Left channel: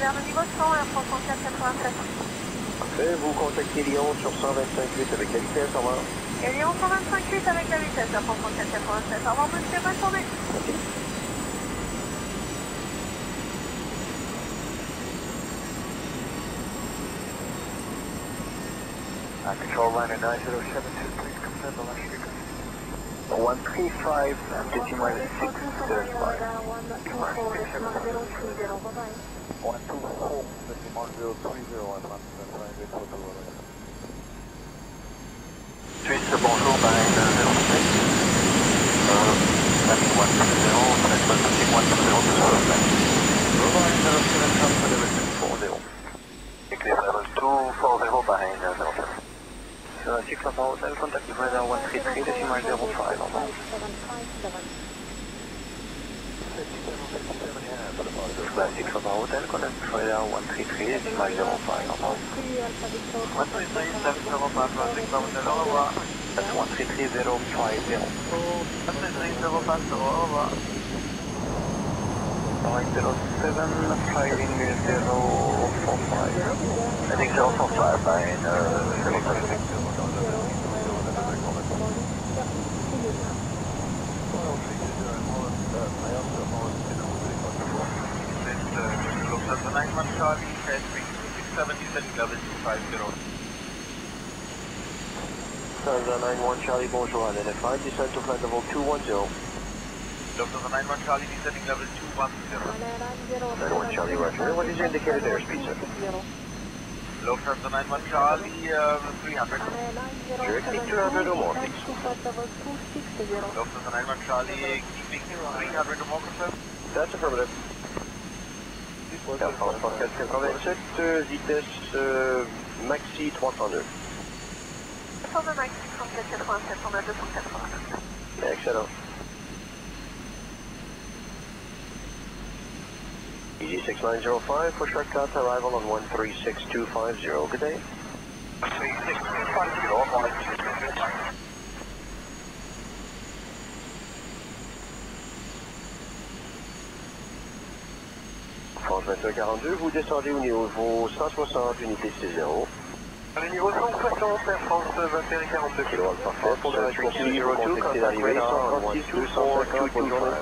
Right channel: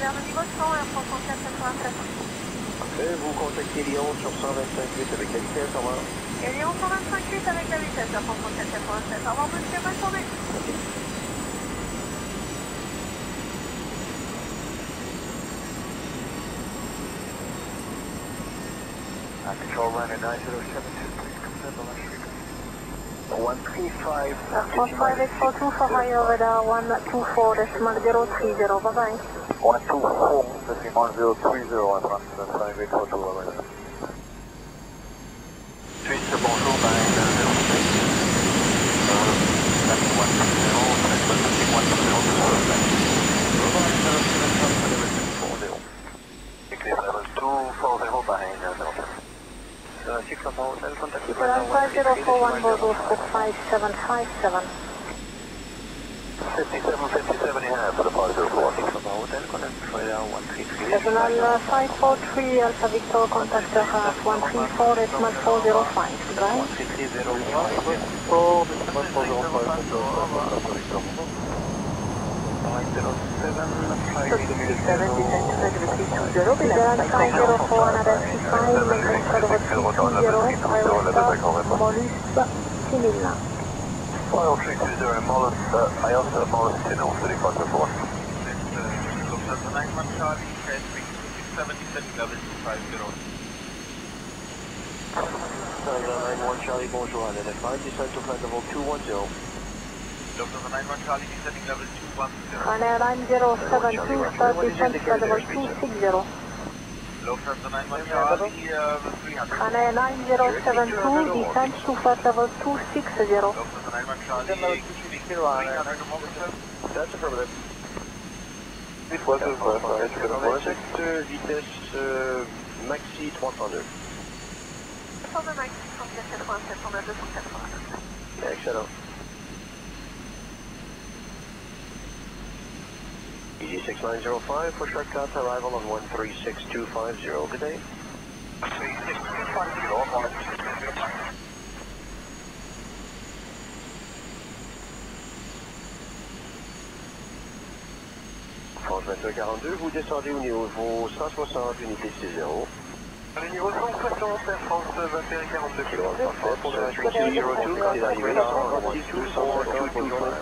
vers le niveau 100, Air France 10487. Parfait, vous contactez Lyon sur 125.8 avec la vitesse, au revoir. Et Lyon 125.8 avec la vitesse, Air France 10487. Au revoir monsieur, bonne journée. Merci. Control line at 9072, please confirm the last frequency. 135, decimal 6, 124.030, bye bye. 124, decimal 030, on run to the 5842 already. Suisse, bonjour, Bahreïn 06. Landing 120, transfer touching 120 to Surfline. Bahreïn 07, transfer level 240. Clear level 240, Bahreïn 07. 6 Papa Hotel, contact with weather 133, decimal 05, 5757. 57 here for the positive. 6 Papa Hotel, contact with weather 133, decimal 05, 543 Alpha Victor, contact that's 133050. Alright, 07, flying 045. Heading 045, Bahreïn 91 Charlie, bonjour, à l'NFI, descend to flight level 210. Lufthansa 91 Charlie, descending level 210. 91 Charlie, Roger. What is your indicated airspeed, sir? Lufthansa 91 Charlie, 300. Directly 200 or more, please. Lufthansa 91 Charlie, keeping 300 or more, confirm? That's affirmative. Air France 187, vitesse maxi 302. Sur le maxi 187, on a 280. Excellent. Easy 6905 for shortcut arrival on 136.250. Good day. 36.250. France 2142, vous descendez au niveau 160, unité 60. Le niveau 160, Air France 2142. Kilo parfait. Pour la poursuite, vous contactez l'arrivée 136 250. Bonne journée.